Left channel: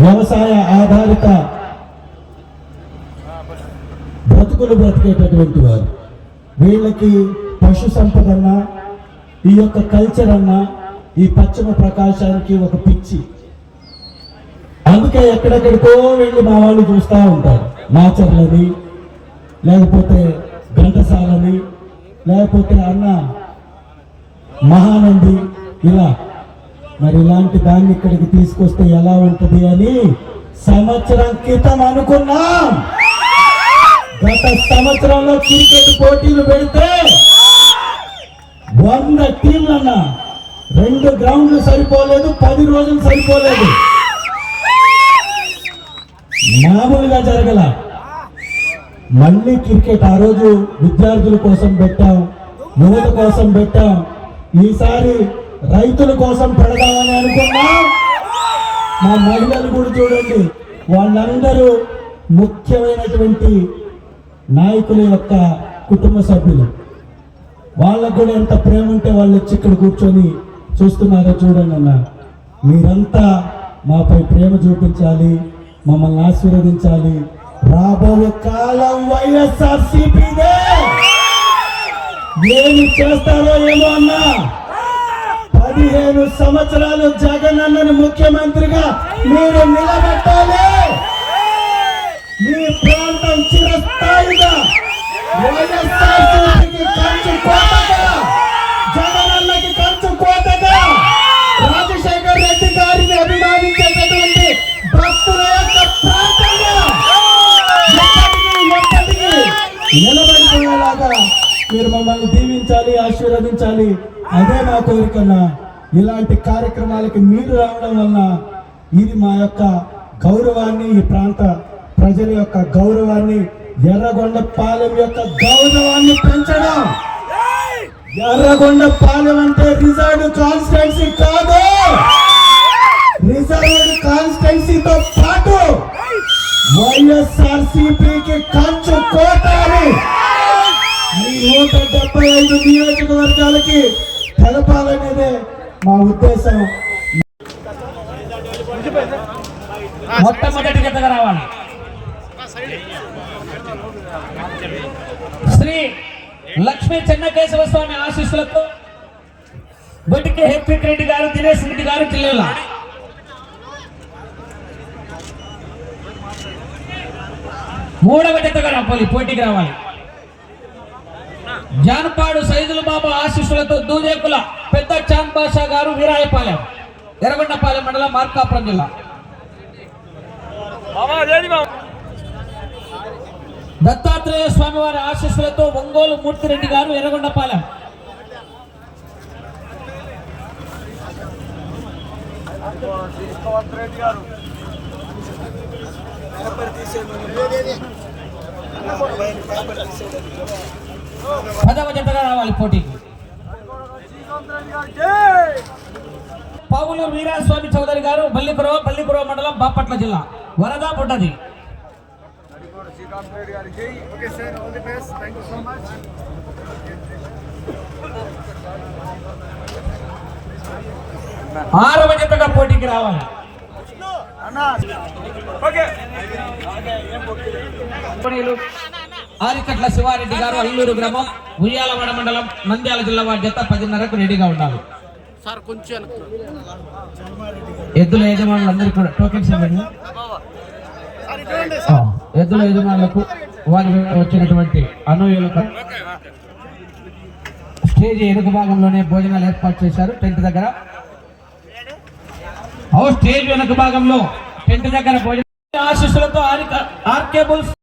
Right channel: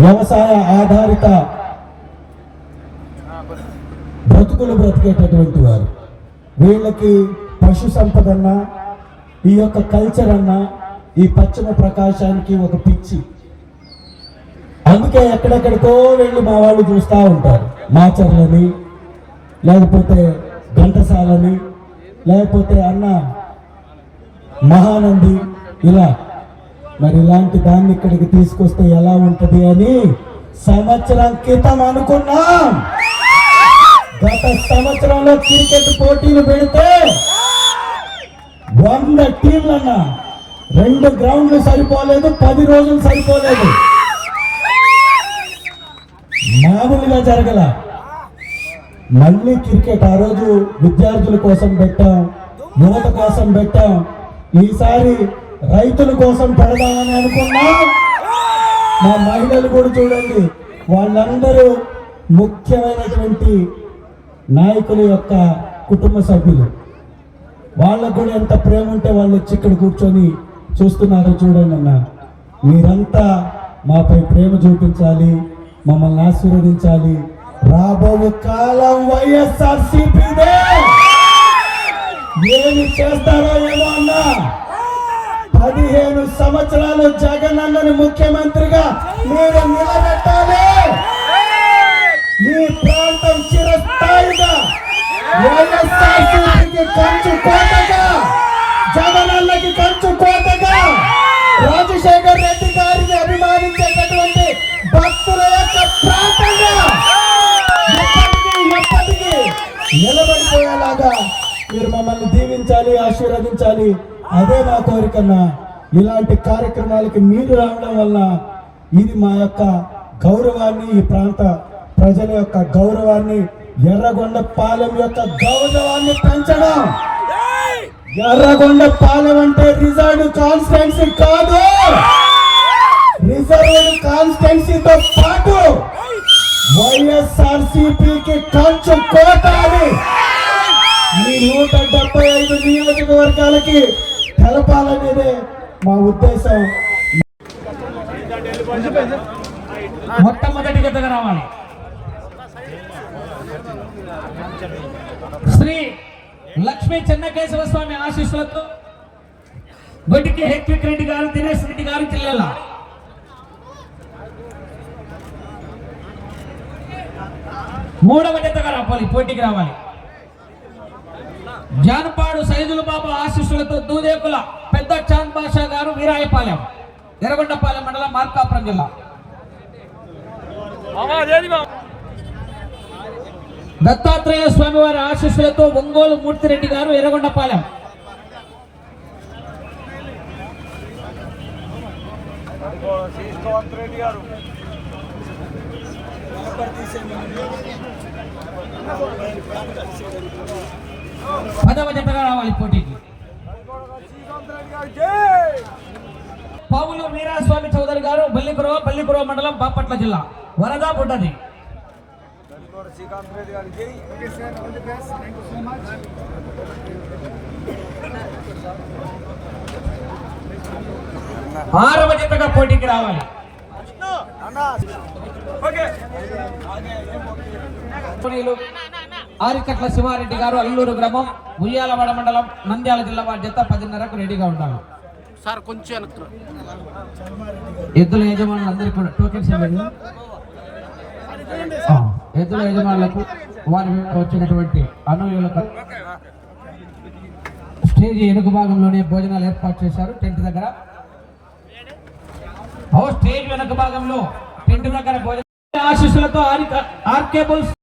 వ్యవసాయ ఆధారిత బ్రతుకులు బ్రతికేటటువంటి వారు. వీళ్ళకి పశు సంపద అన్నా, ఈ యొక్క కల్చర్ అన్నా, ఈ పశ్చిమ ప్రకాశానికి ఒక పిచ్చి. అందుకే ఎక్కడెక్కడికో వెళ్ళి మా వాళ్ళు చూస్తూ ఉంటారు. మాచర్లని, లేకపోతే ఘంటసాలని, లేకపోతే అన్న మహానంది, ఇలా. మరి ఇలాంటి దాన్ని ఇక్కడికి తీసుకొస్తే ఎలా ఉంటది అని సంవత్సరం క్రితం అనుకున్నాం. గత సంవత్సరంలో క్రికెట్ పోటీలు పెడితే 100 టీంలన్నా 2 గ్రౌండ్లు సరిపోలేదు, 10 రోజులు సరిపోలేదు. మామూలుగా జరగల. మళ్ళీ క్రికెట్ ఆ రోజు విద్యార్థుల కోసం పెట్టాం, యువత కోసం పెట్టాం. ఈసారి రైతుల కోసం పెడదామని అనుకున్నాం. మా మహిళలు కూడా చూడండి, వాళ్ళందరూ ముఖ్యమైనటువంటి నాయకుల యొక్క కుటుంబ సభ్యులు. వాళ్ళకు కూడా ఎంత ప్రేమ ఉంటే వాళ్ళు వచ్చి ఇక్కడ కూర్చొని చూస్తున్నారో చూడండి అన్న. మీరంతా మాపై ప్రేమ చూపించాలి, మమ్మల్ని ఆశీర్వదించాలి. రాబో కాలం వైఎస్ఆర్సీపీదే. ఏమి చేస్తారో ఏమో అన్నా. 15 సంవత్సరాలు జగన్ అన్నను ముఖ్యమంత్రిగా మీరు నిలబెట్టాలి. మీ ప్రాంతం చిరస్థాయిగా వైఎస్ఆర్సీపీకి కంచు కోటగా, జగన్ అన్నకి కంచు కోటగా, రాజశేఖర్ రెడ్డి గారిని అభిమానించేటటువంటి భక్తుల యొక్క ప్రాంతంగా నిలబడిపోయేలాగా మీరు మమ్మల్ని దీవించాలి, ఆశీర్వదించాలి. అదే నా కోరికన్నా. ఇలాంటి కార్యక్రమాలకి మీరు రావడం వల్ల ఇది మా యొక్క గౌరవాన్ని, ఈ ప్రాంత ప్రజల యొక్క గౌరవాన్ని, ఎర్రగొండపాలెం యొక్క గౌరవాన్ని పెంచడం. ఎర్రగొండపాలెం అంటే రిజర్వ్డ్ కాన్స్టిట్యున్సీ కాదు, రిజర్వ్డ్ కాన్స్టిట్యున్సీతో పాటు వైఎస్ఆర్సీపీకి కంచు కోటాలి. ఈ 175 నియోజకవర్గాలకి తెలపాలనేదే మా ఉద్దేశం. మొట్టమొదటి గతగా రావాలి శ్రీ లక్ష్మీ చెన్నకేశవ స్వామి ఆశీస్సులతో గొటికి హెత్విక్ రెడ్డి గారు, దినేష్ రెడ్డి గారు జిల్లాల. మూడవ జతగా రావాలి, పోటీకి రావాలి. జానపాడు సైదుల బాబు ఆశీస్సులతో దూదేకుల పెద్ద చాంద్ బాషా గారు, వీరాయపాలెం, ఎర్రగొండపాలెం మండలం, మార్కాపురం జిల్లా. దత్తాత్రేయ స్వామి వారి ఆశీస్సులతో ఒంగోలు మూర్తిరెడ్డి గారు, ఎర్రగొండపాలెం. పదవ జతగా రావాలి పోటీకి. పావుల వీరాస్వామి చౌదరి గారు, బల్లిపురం మండలం, బాపట్ల జిల్లా. వరద బుడ్డది. 6వ జతగా పోటీకి రావాలి. ఆరికట్ల శివారెడ్డి గారు, అల్లూరు గ్రామం, ఉయ్యాలవాడ మండలం, నంద్యాల జిల్లా. వారి జత 10:30కు రెడీగా ఉండాలి. ఎద్దుల యజమానులందరికీ కూడా టోకెన్స్ ఇవ్వండి. ఎద్దుల యజమానులకు, వారి వచ్చినటువంటి అనుయాయులకు స్టేజ్ వెనుక భాగంలోనే భోజనాలు ఏర్పాటు చేశారు. టెంట్ దగ్గర, స్టేజ్ వెనుక భాగంలో టెంట్ దగ్గర భోజనం ఆశీస్సులతో ఆర్కేబుల్స్